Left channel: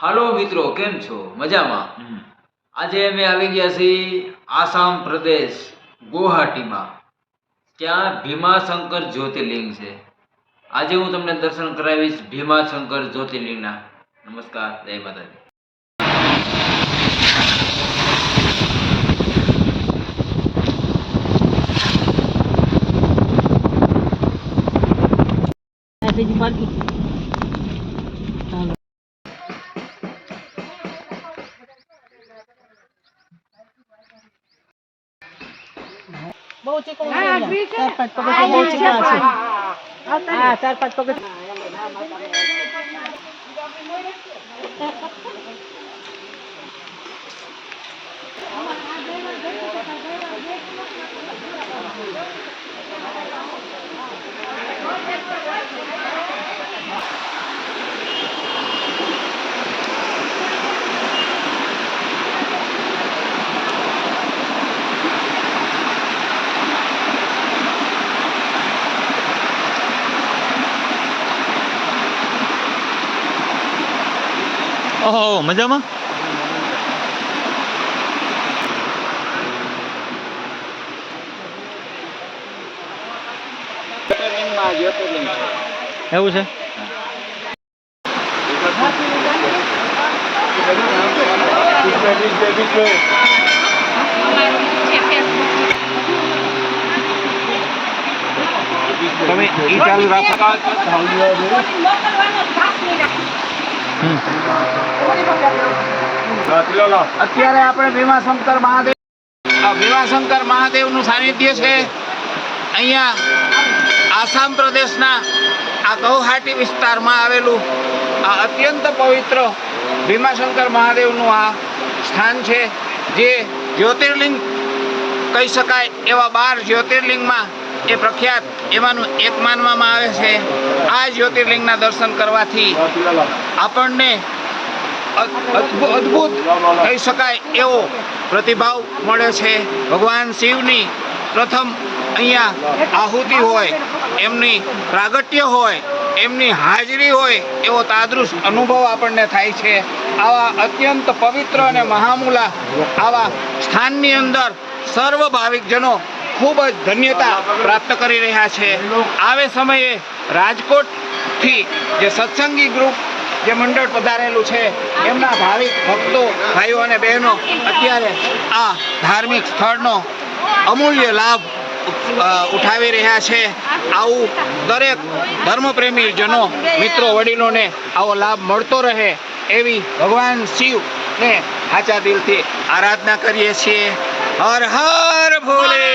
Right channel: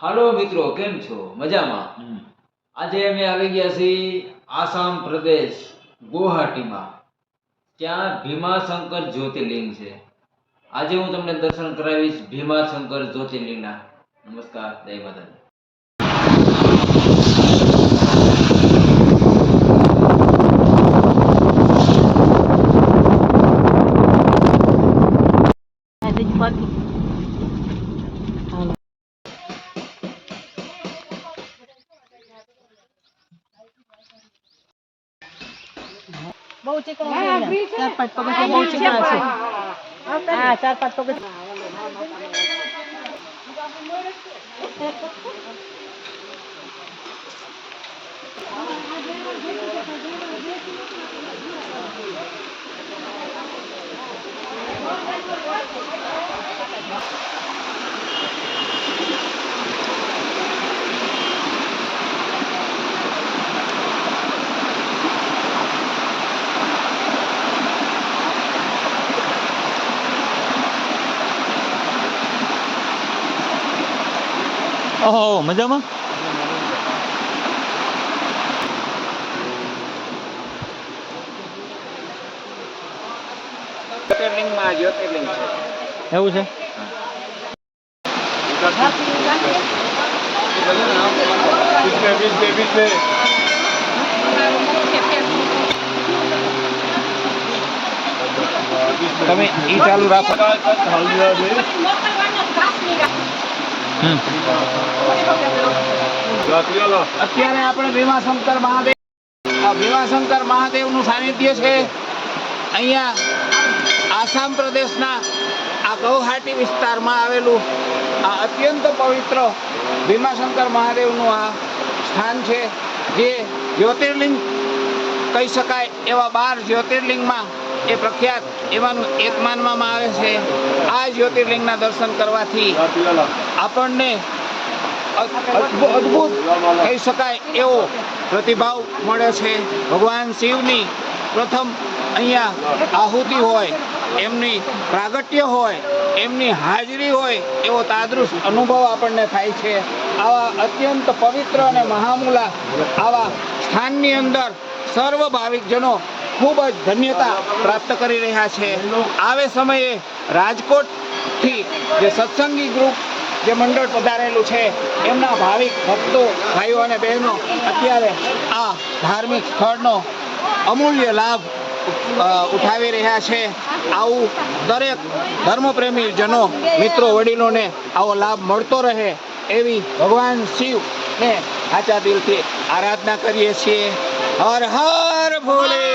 હાલો મિત્રો, કેમ છો? મજામાં? આજે અમે આવી ગયા છીએ આસામ પ્રદેશ ગુવાહાટીમાં. ત્યાં ભીમાશંકર જ્યોતિર્લિંગ છે. આજે હું તમને દર્શન કરાવીશ ભીમાશંકર જ્યોતિર્લિંગના. નમસ્કાર, જય માતાજી. બહુ ચીકણું છે અહીંયા. 4-5 પગથિયા બહુ ચીકણા છે. હા, 4-5 ઓહો, મજામાં? જ્યોતિર્લિંગ છે. એવું છે? તમે ઈ ચાલુ રાખો. અત્યારે આપણે ભીમાશંકર મહાદેવનું સાનિધ્ય છે. અહીંયા આસામ પ્રદેશના આ ગુવાહાટી વિસ્તારમાં આવેલું આ અત્યંત પવિત્ર ભીમાશંકર મહાદેવનું આ સ્થાન છે, જે જ્યોતિર્લિંગ કહી શકાય એવા 12 જ્યોતિર્લિંગમાં એ પ્રખ્યાત એમાંનું એક માનવામાં આવે છે. આ જ્યોતિર્લિંગના દર્શન કરવાથી આપણને અદ્ભુત કહી શકાય એવો પ્રતિભાવ મળે છે. ભગવાન શિવની પ્રથમ અહીંયા આહુતિ હોય, એમની પ્રાગટ્ય હોય, એમની હાજરી હોય એવો તાદૃશ અનુભવ આપણને થાય છે. આવા અત્યંત પવિત્ર અને મહામૂલા આવા સ્થાનની અંદર સર્વ ભાવિકજનો ખૂબ જ ધન્યતા પ્રાપ્ત કરી રહ્યા છે. આવે સમયે રાજકોટથી જે સત્સંગી ગ્રુપ જે મંડળ પધારેલું છે, એમના ભાવિક ભક્તો ભાઈઓ અને બહેનો અત્યારે આ ધાર્મિક સ્થળનો અમૂલ્ય લાભ ઉઠાવી રહ્યા છે. આવું દરેક ધર્મપ્રેમી જનો, મિત્રો, વડીલોને આવો લાભ મળતો રહે એવી ભગવાન શિવને સાચા દિલથી આરાધના કરીએ છીએ. હર હર ભોલે.